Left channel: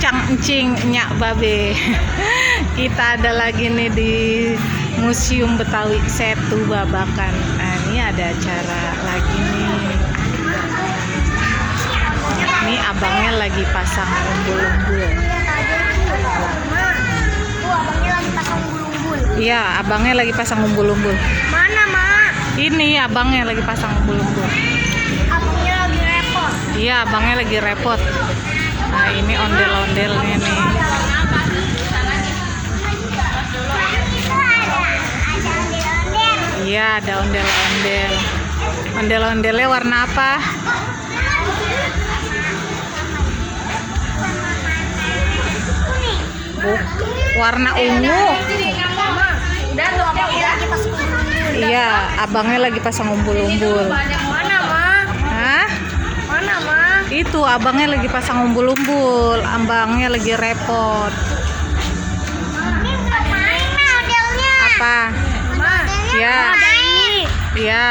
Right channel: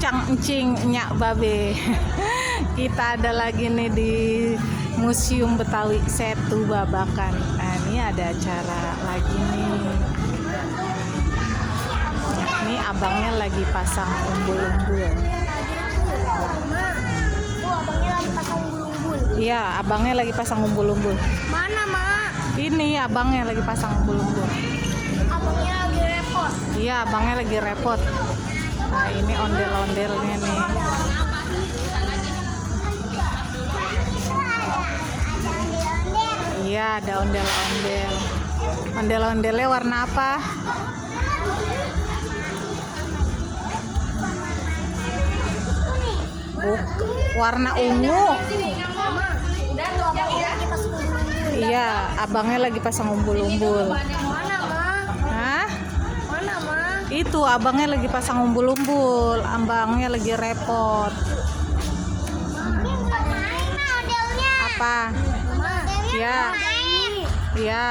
encang-encing nyak babe. Kita ada lagi nih di Museum Betawi Setu Babakan. Nah, ini ada acara lagi nih. Ini abangnya lagi pasang umbul-umbul. Iya, abangnya lagi pasang umbul-umbul. Mana, Mak? Ini abangnya lagi pasang umbul-umbul. Abangnya lagi repot. Iya, abangnya lagi repot. Nah, ini ondel-ondelnya nih. Iya, ada ondel-ondel. Ondel-ondelnya warna apa? Warna ungu. Iya, abangnya lagi pasang umbul-umbul. Mana, Mak? Hah? Mana, Mak? Itu abangnya lagi pasang umbul-umbul. Abangnya lagi repot. Apa? Mak, Ya. ada ini. Iya.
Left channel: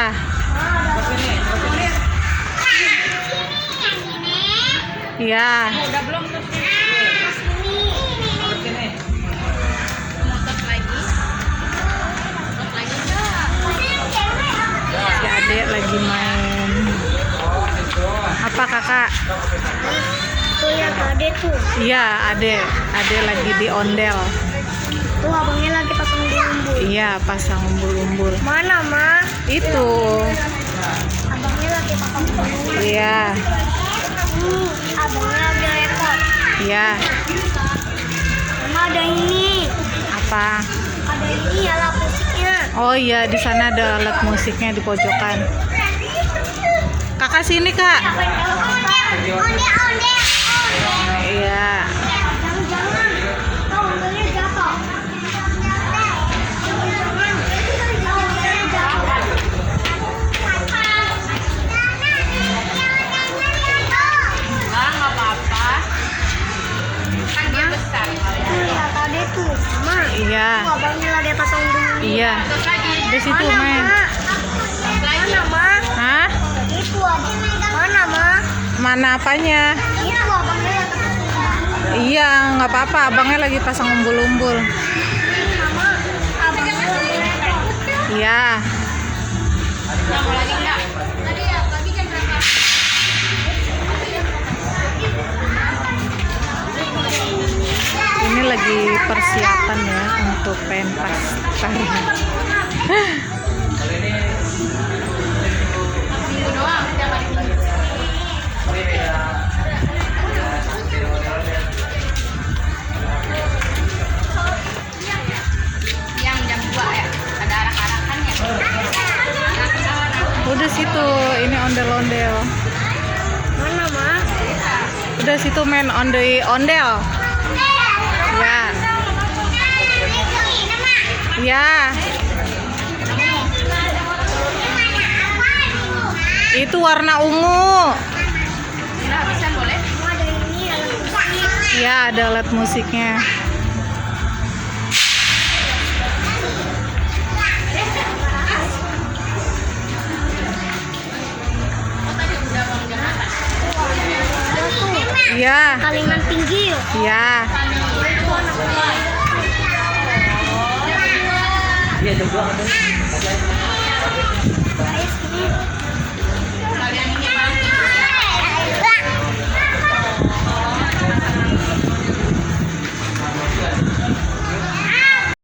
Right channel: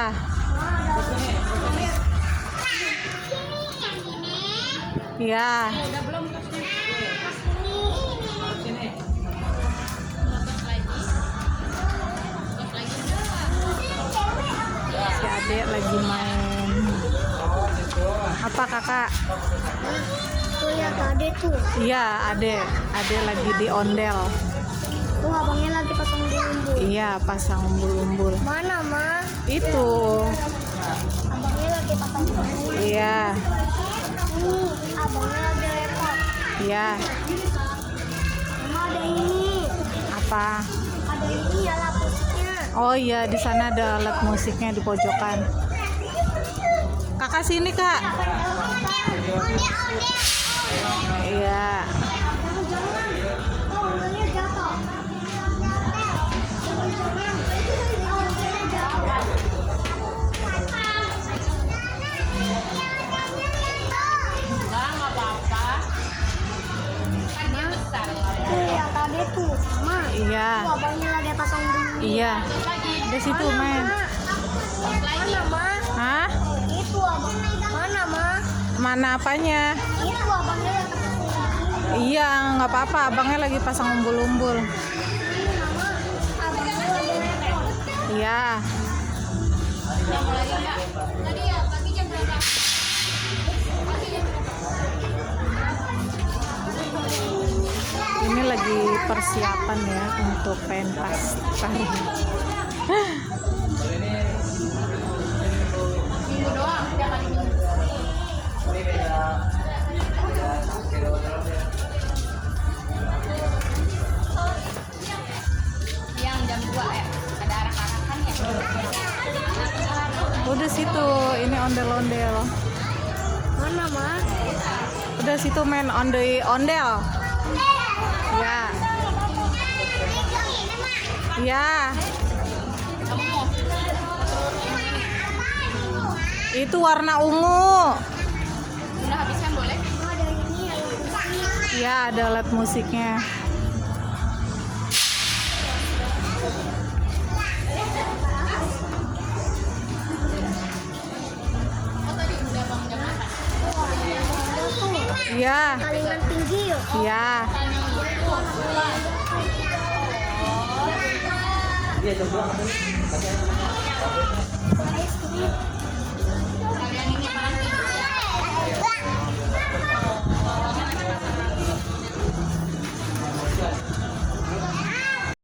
Iya. Udah belum terus Si adek lagi main. Apa kakak? Tuh ya, Ade tuh. Iya, adek lagi di ondel. Tuh abangnya lagi pasang bumbu. Iya, pasang umbul-umbul. Mana, Mak? Itu. Abangnya lagi pasang bumbu. Iya. Abangnya lagi repot. Iya. Mama, ada ini. Apa? Ada ini alat musiknya. Oh iya, di sana ada alat musiknya di pojokan. Kakak sini, Kak. Iya. Iya. Abangnya lagi pasang bumbu. Iya. Di situ main. Mana, Mak? Hah? Itu mana, Mak? Mana apanya? Itu abangnya lagi pasang bumbu. Iya, nggak apa-apa. Abangnya lagi pasang umbul-umbul. Abangnya lagi repot. Iya. Tadi ya, pagi jam berapa? Ini lagi persiapan ya untuk pentas tari. Yang jam 2 ya? Ada arak-arakan ya? Udah situ, ini ondel-ondel. Mana, Mak? Udah situ main ondel. Ya. Ya. Itu warna ungu. Udah habisan boleh? Ada ini alat musik. Ya, ada alat musiknya. Ya. Kaliman tinggi yuk. Ya. Itu anak